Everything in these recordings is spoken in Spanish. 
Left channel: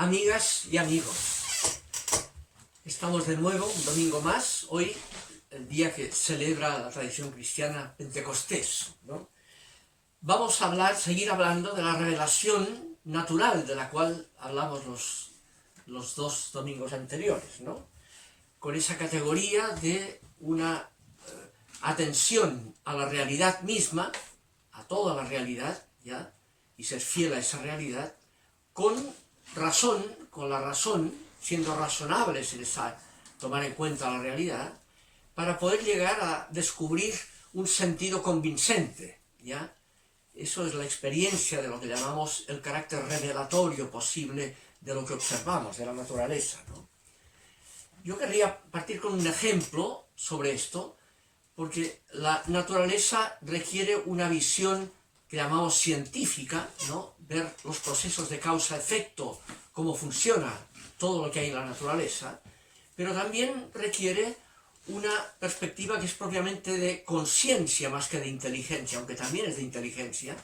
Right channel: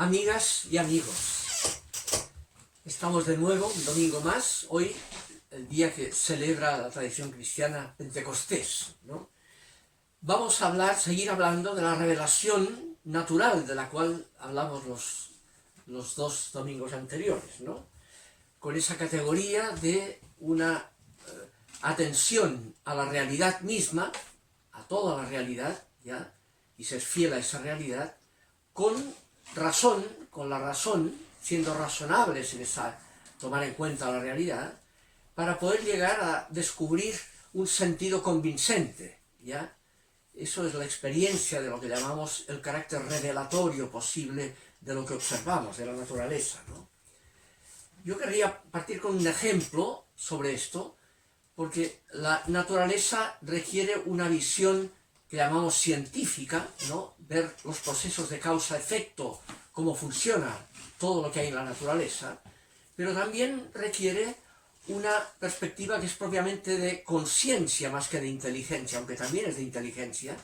Amigas y amigos, estamos de nuevo un domingo más, hoy el día que celebra la tradición cristiana Pentecostés, ¿no? Vamos a seguir hablando de la revelación natural de la cual hablamos los dos domingos anteriores, ¿no? Con esa categoría de una atención a la realidad misma, a toda la realidad, ¿ya? Y ser fiel a esa realidad, con la razón, siendo razonables en tomar en cuenta la realidad, para poder llegar a descubrir un sentido convincente, ¿ya? Eso es la experiencia de lo que llamamos el carácter revelatorio posible de lo que observamos, de la naturaleza, ¿no? Yo querría partir con un ejemplo sobre esto, porque la naturaleza requiere una visión que llamamos científica, ¿no? Ver los procesos de causa-efecto, cómo funciona todo lo que hay en la naturaleza, pero también requiere una perspectiva que es propiamente de conciencia más que de inteligencia, aunque también es de inteligencia,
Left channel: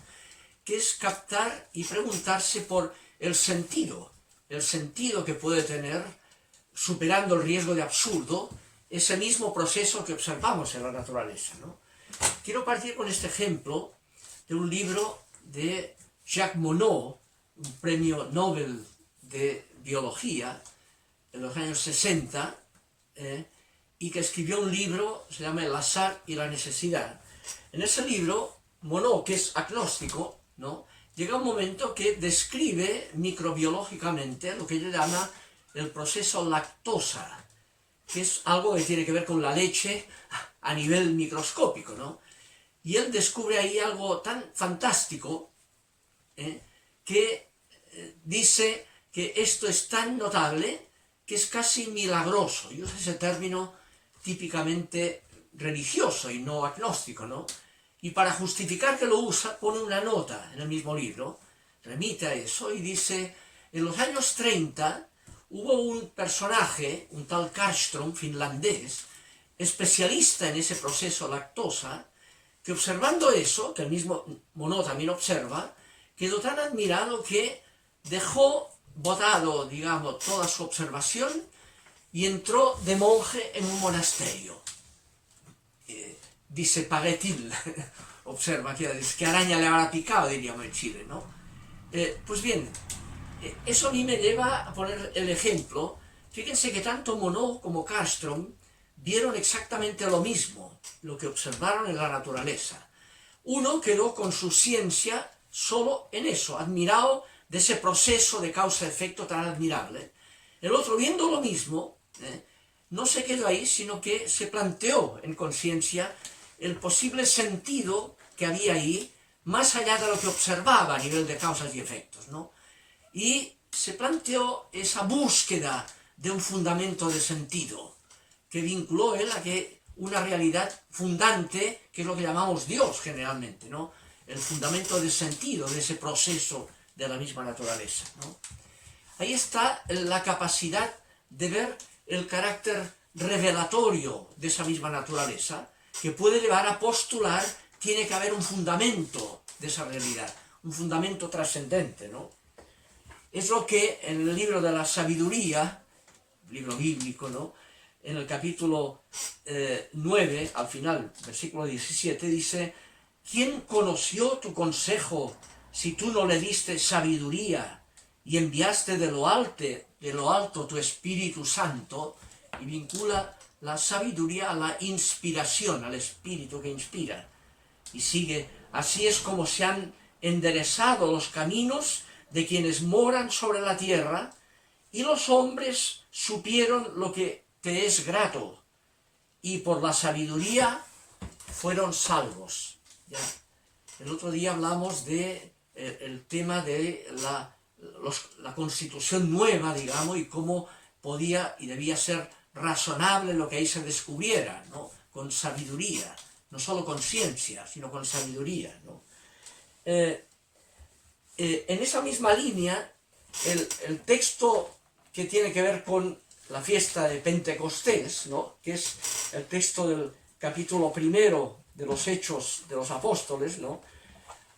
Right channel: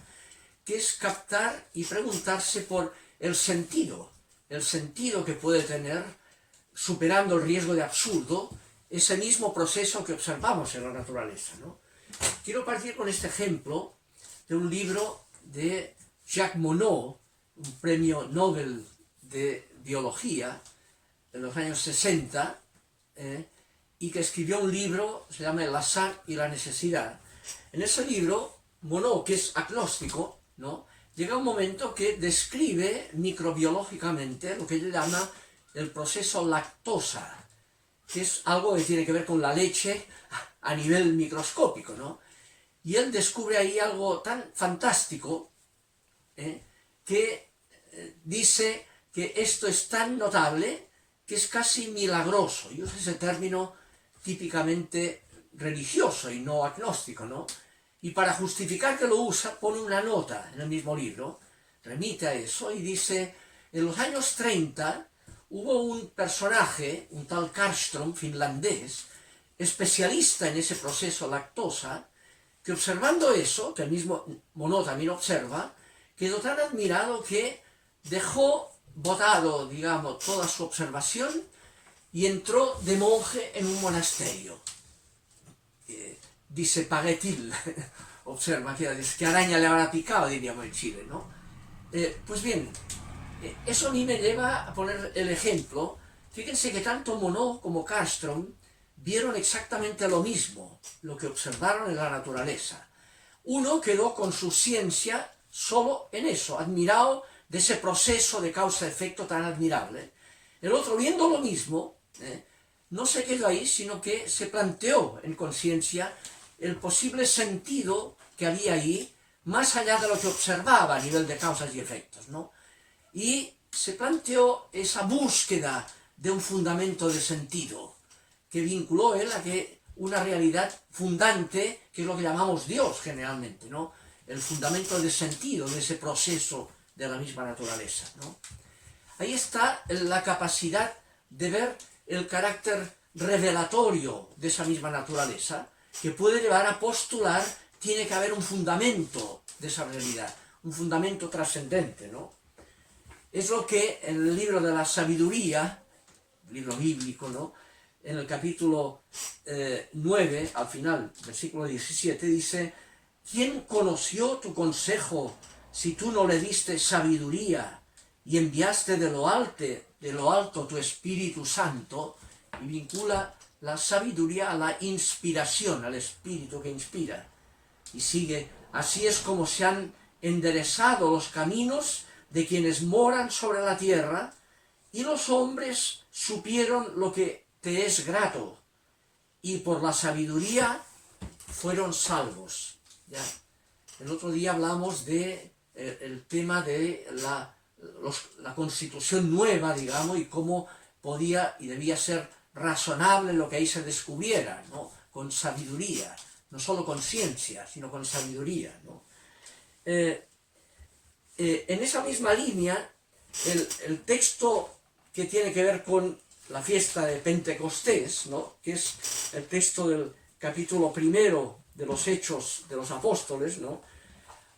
que es captar y preguntarse por el sentido que puede tener, superando el riesgo de absurdo, ese mismo proceso que observamos en la naturaleza, ¿no? Quiero partir con este ejemplo de un libro de Jacques Monod, un premio Nobel de Biología en los años 60, y que escribió un libro, se llama El azar y la necesidad. En ese libro, Monod, que es agnóstico, ¿no?, llega un momento que describe microbiológicamente lo que él llama el proceso lactosa, que es algo que tiene que ver con la leche a nivel microscópico, ¿no? Y él descubre ahí algo tan fantástico, que dice que esto es tan notable que es casi milagroso. Y usa ese término típicamente religioso y no agnóstico, ¿no? Y para justificar que lo usa, pone una nota en el mismo libro, remite a eso y dice: en los años 30 hubo un personaje, un tal Karlström, finlandés, especialista en ese proceso lactosa, que observando eso, que el mismo Monod también observa, quedó tan admirado que dejó botado, digamos, toda su observación y entró de monje en un monasterio. Dice paraît-il, observa, que araña le habrá picado, diríamos en Chile, ¿no? Pues bien, eso a mí me lleva a poner el ejemplo. Fíjense que tanto Monod como Karlström vieron exactamente lo mismo, lo que observaron en la naturaleza. Uno quedó con su ciencia solo en eso, admirado de ese proceso de causa-efecto tan admirable. El otro, viendo lo mismo, no se quedó ahí, sino que se planteó en conciencia el posible sentido que había ahí, más allá de lo que observaba a nivel de causas y efectos, ¿no? Y se planteó esa búsqueda de un fundamento de sentido, que vinculó él a que una realidad fundante, que es lo que llamamos Dios generalmente, ¿no? El fundamento de sentido de ese proceso de la misma naturaleza, ¿no? Ahí está la capacidad de ver el carácter revelatorio de esa misma naturaleza, que puede llevar a postular tiene que haber un fundamento de esa realidad, un fundamento trascendente, ¿no? Es lo que en el libro de la sabiduría, libro bíblico, ¿no?, en el capítulo 9, al final, versículo 17, dice: ¿quién conoció tu consejo si tú no le diste sabiduría y enviaste de lo alto tu Espíritu Santo? Y vincula la sabiduría a la inspiración, al Espíritu que inspira. Y sigue: así es como se han enderezado los caminos de quienes moran sobre la tierra, y los hombres supieron lo que te es grato, y por la sabiduría fueron salvos. ¿Ya? El otro día hablamos de el tema de la constitución nueva, digamos, y cómo podía y debía ser razonable lo que ahí se descubriera, ¿no?, con sabiduría, no solo con ciencia, sino con sabiduría, ¿no? En esa misma línea, el texto que tiene que ver con la fiesta de Pentecostés, ¿no?, que es el texto del capítulo 1 de los Hechos de los Apóstoles, ¿no?,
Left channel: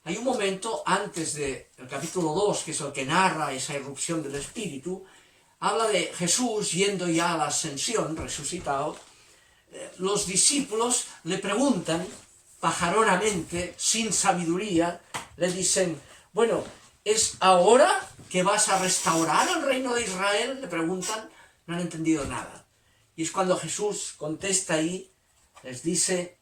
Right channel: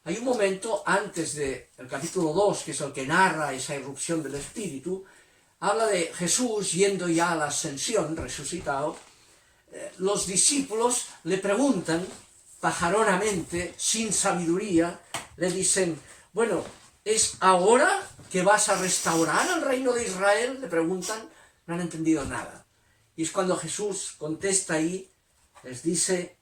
hay un momento antes del capítulo 2, que es el que narra esa irrupción del Espíritu, habla de Jesús yendo ya a la ascensión, resucitado. Los discípulos le preguntan pajaronamente, sin sabiduría, le dicen, bueno, ¿es ahora que vas a restaurar el reino de Israel? Le preguntan, no han entendido nada. Y es cuando Jesús contesta ahí, les dice,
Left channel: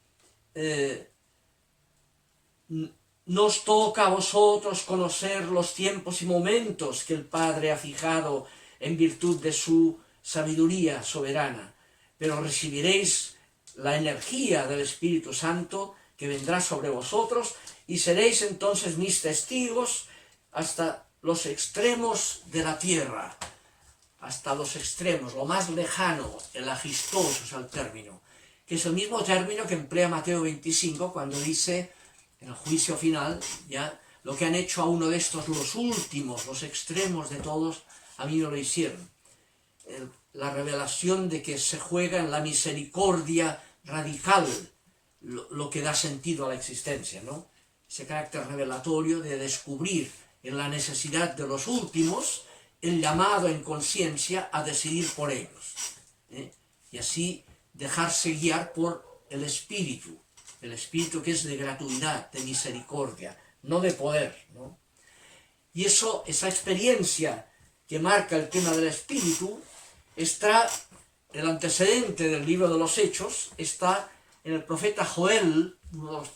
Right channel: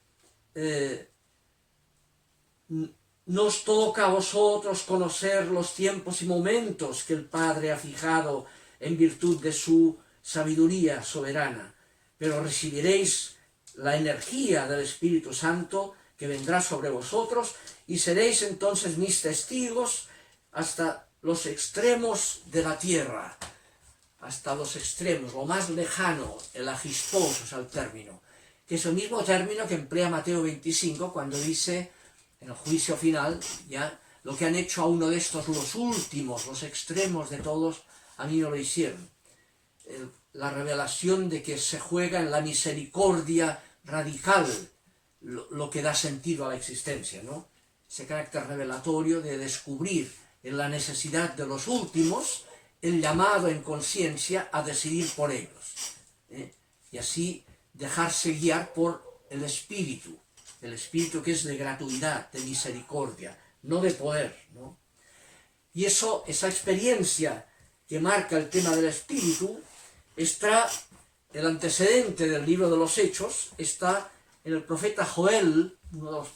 no os toca a vosotros conocer los tiempos y momentos que el Padre ha fijado en virtud de su sabiduría soberana, pero recibiréis la energía del Espíritu Santo que vendrá sobre vosotros y seréis entonces mis testigos hasta los extremos de la tierra, hasta los extremos, lo más lejano, el agistos es el término, que es el mismo término que emplea Mateo 25 cuando dice en el juicio final, ya, lo que han hecho a uno de estos, los últimos, los extremos de todos, a mí no lo hicieron. La revelación de que se juega en la misericordia radical, lo que da sentido a la existencia, ¿no? Ese carácter revelatorio de descubrir en la necesidad de los últimos el llamado en conciencia a decidir por ellos, ¿eh? Y así dejarse guiar por el Espíritu que es de gratuidad, de misericordia, no de poder, ¿no? Y esa experiencia que marca el tema del Espíritu, está, el antecedente del libro de los Hechos, está en el profeta Joel, uno de los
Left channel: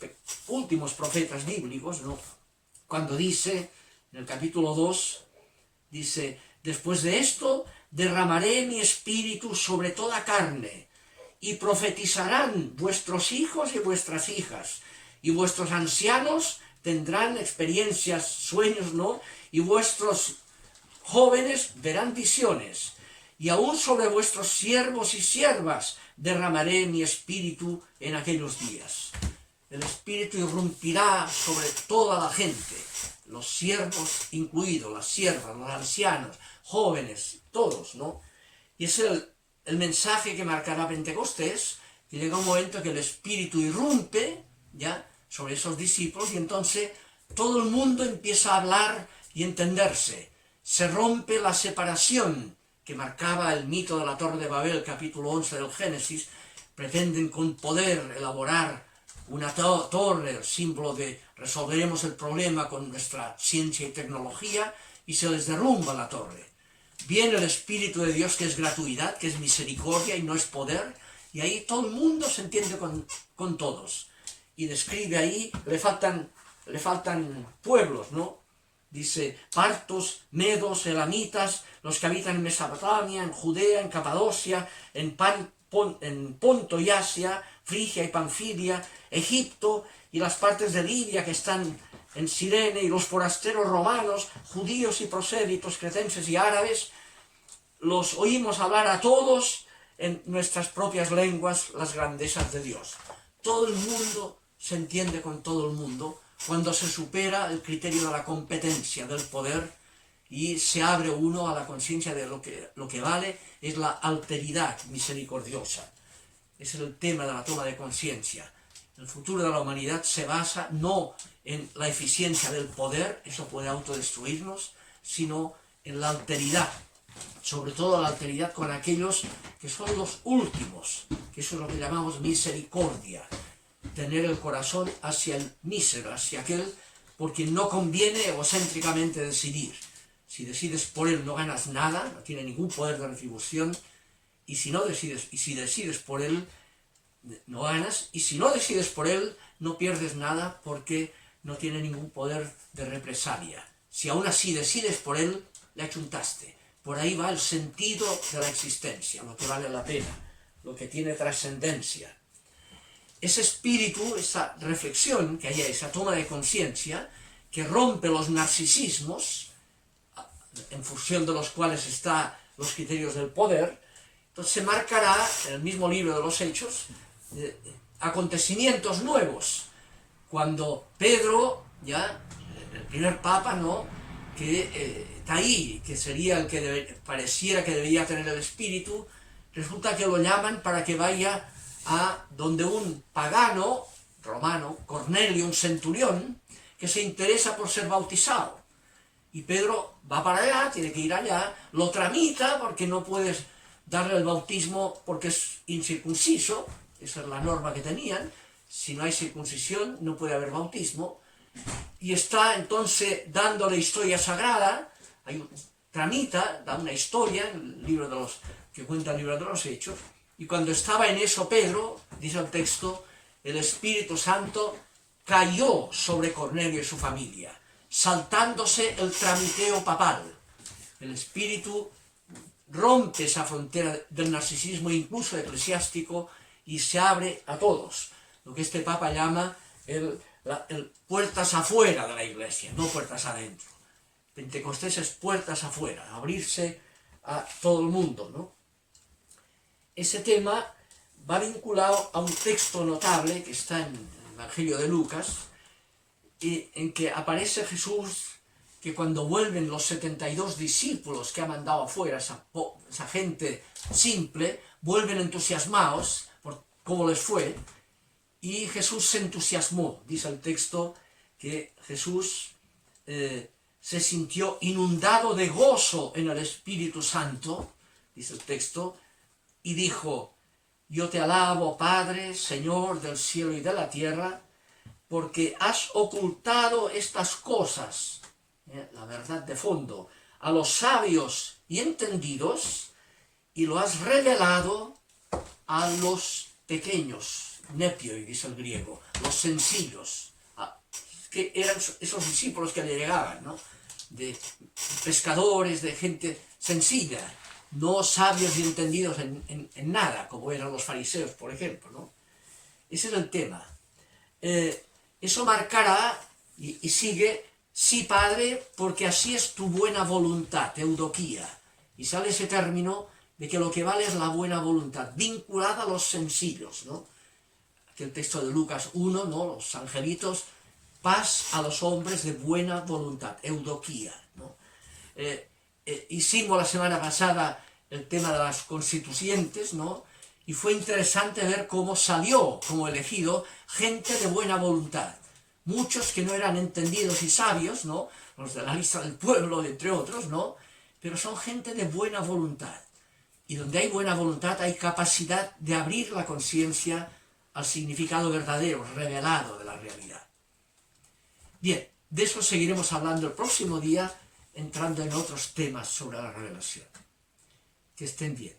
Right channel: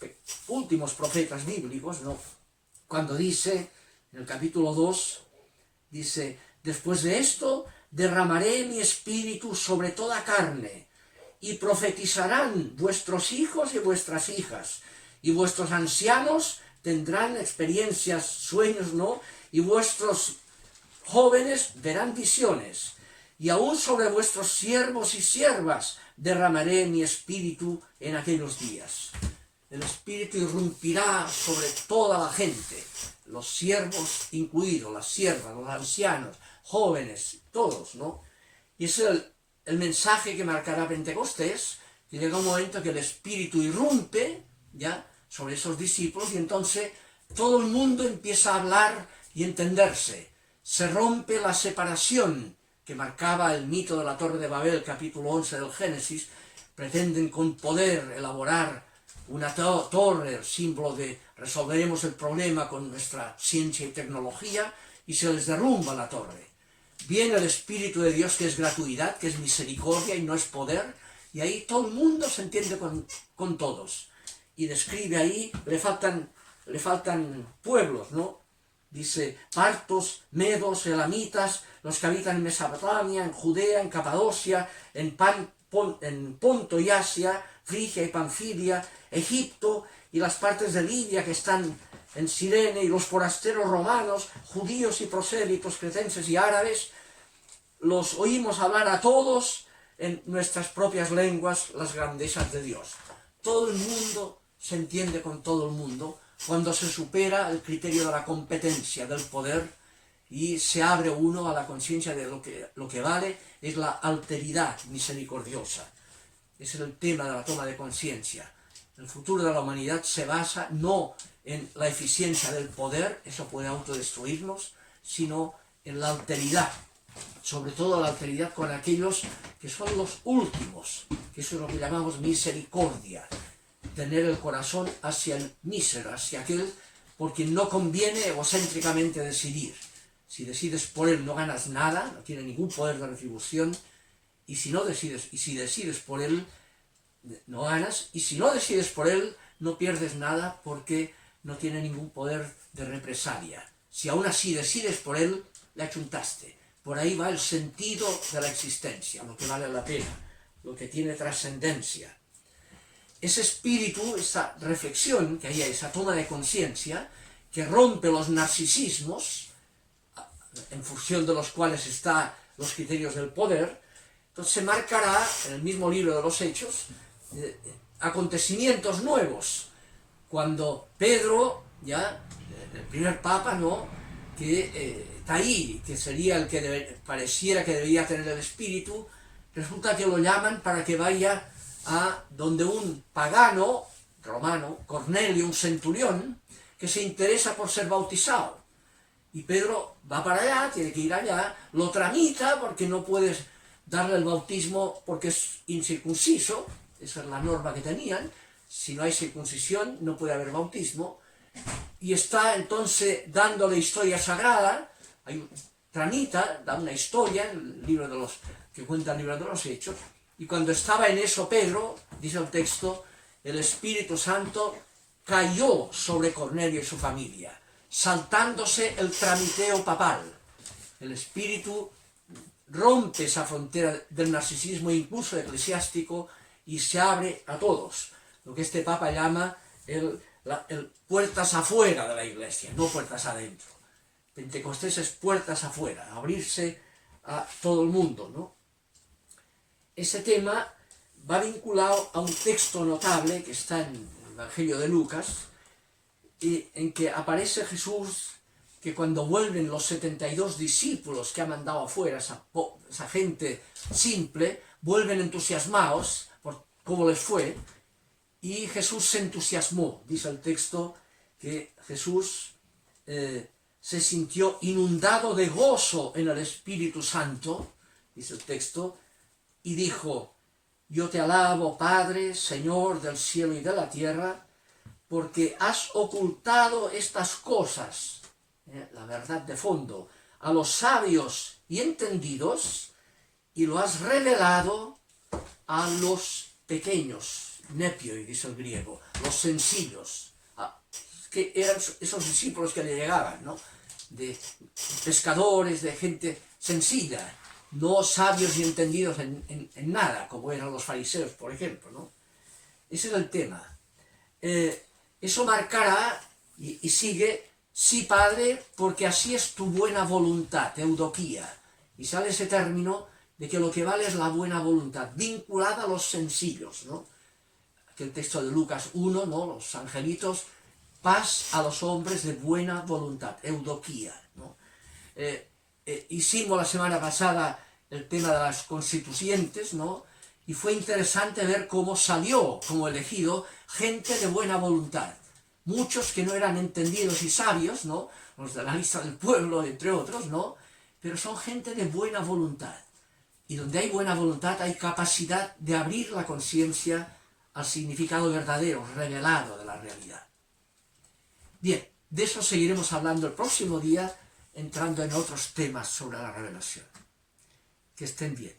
últimos profetas bíblicos, ¿no? Cuando dice, en el capítulo 2, dice, después de esto derramaré mi espíritu sobre toda carne, y profetizarán vuestros hijos y vuestras hijas, y vuestros ancianos tendrán experiencias, sueños, ¿no? Y vuestros jóvenes verán visiones, y aún sobre vuestros siervos y siervas derramaré mi espíritu en aquellos días. El Espíritu irrumpirá sobre toda la gente, los siervos incluidos, las siervas, los ancianos, jóvenes, todos, ¿no? Y es el mensaje que marcará Pentecostés, que llega un momento que el Espíritu irrumpe, ya, sobre esos discípulos, y entonces todo el mundo empieza a hablar y entenderse. Se rompe la separación que marcaba el mito de la Torre de Babel, capítulo 11 del Génesis. Pretenden con poder elaborar una torre, símbolo de resolveremos el problema con nuestra ciencia y tecnología, y se les derrumba la torre. Viene el Espíritu de Dios, que es gratuidad, que es misericordia y no es poder, y ahí todo el mundo se entiende con todos. Y describe ahí, le faltan pueblos, ¿no? Dice, partos, medos, elamitas, los que habitan en Mesopotamia, en Judea, en Capadocia, en Ponto y Asia, Frigia y Panfilia, Egipto y las partes de Libia que están en Cirene, y los forasteros romanos, judíos y prosélitos, cretenses y árabes, los oímos hablar a todos en nuestras propias lenguas las grandezas de Dios. Todo el mundo se entiende con todo el mundo cuando se supera el criterio de la competencia, del poder, y se abre uno a la conciencia de lo que vale es la alteridad misericordiosa. Es el tema de la toma de conciencia. El futuro de la humanidad se basa no en la eficiencia del poder, eso puede autodestruirnos, sino en la alteridad, sobre todo la alteridad con aquellos que son los últimos, que eso es lo que llamamos misericordia, tener el corazón hacia el mísero, hacia aquel por quien no conviene egocéntricamente decidir. Si decides por él no ganas nada, no tiene ningún poder de retribución, y si decides por él no ganas, y si no decides por él no pierdes nada porque no tiene ningún poder de represalia. Si aún así decides por él, le achuntaste. Por ahí va el sentido de la existencia, lo que vale la pena, lo que tiene trascendencia. Ese espíritu, esa reflexión que hay, esa toma de conciencia, que rompe los narcisismos, en función de los cuales están los criterios del poder, entonces se marcará en el mismo libro de los Hechos acontecimientos nuevos. Cuando Pedro, ya el primer papa, ¿no?, que está ahí, que sería el que pareciera que debería tener el espíritu, resulta que lo llaman para que vaya a donde un pagano romano, Cornelio, un centurión, que se interesa por ser bautizado. Y Pedro va para allá, tiene que ir allá, lo tramita porque no puedes darle el bautismo porque es incircunciso, esa es la norma que tenían, si no hay circuncisión no puede haber bautismo, y está entonces dándole historia sagrada, tramita, da una historia, el libro de los, que cuenta el libro de los Hechos, y cuando estaba en eso Pedro, dice el texto, el Espíritu Santo cayó sobre Cornelio y su familia, saltándose el tramiteo papal. El Espíritu rompe esa frontera del narcisismo incluso eclesiástico y se abre a todos, lo que este Papa llama el puertas afuera de la Iglesia, no puertas adentro. Pentecostés es puertas afuera, abrirse a todo el mundo, ¿no? Ese tema va vinculado a un texto notable que está en el Evangelio de Lucas, en que aparece Jesús, que cuando vuelven los 72 discípulos que ha mandado afuera, esa gente simple, vuelven entusiasmados por cómo les fue, y Jesús se entusiasmó. Dice el texto que Jesús se sintió inundado de gozo en el Espíritu Santo, dice el texto, y dijo: yo te alabo, Padre, Señor del cielo y de la tierra, porque has ocultado estas cosas, la verdad de fondo, a los sabios y entendidos, y lo has revelado a los pequeños, nepioi, dice el griego, los sencillos, que eran esos discípulos que le llegaban, ¿no? De pescadores, de gente sencilla, no sabios y entendidos en nada, como eran los fariseos, por ejemplo, ¿no? Ese es el tema. Eso marcará, y sigue, sí, Padre, porque así es tu buena voluntad, eudoquía. Y sale ese término de que lo que vale es la buena voluntad, vinculada a los sencillos, ¿no? Aquel texto de Lucas 1, ¿no? Los angelitos, paz a los hombres de buena voluntad, eudoquía, ¿no? Hicimos la semana pasada el tema de las constituyentes, ¿no? Y fue interesante ver cómo salió como elegido gente de buena voluntad. Muchos que no eran entendidos y sabios, ¿no? Los de la lista del pueblo, entre otros, ¿no? Pero son gente de buena voluntad. Y donde hay buena voluntad hay capacidad de abrir la conciencia al significado verdadero, revelado de la realidad. Bien, de eso seguiremos hablando el próximo día, entrando en otros temas sobre la revelación. Que estén bien.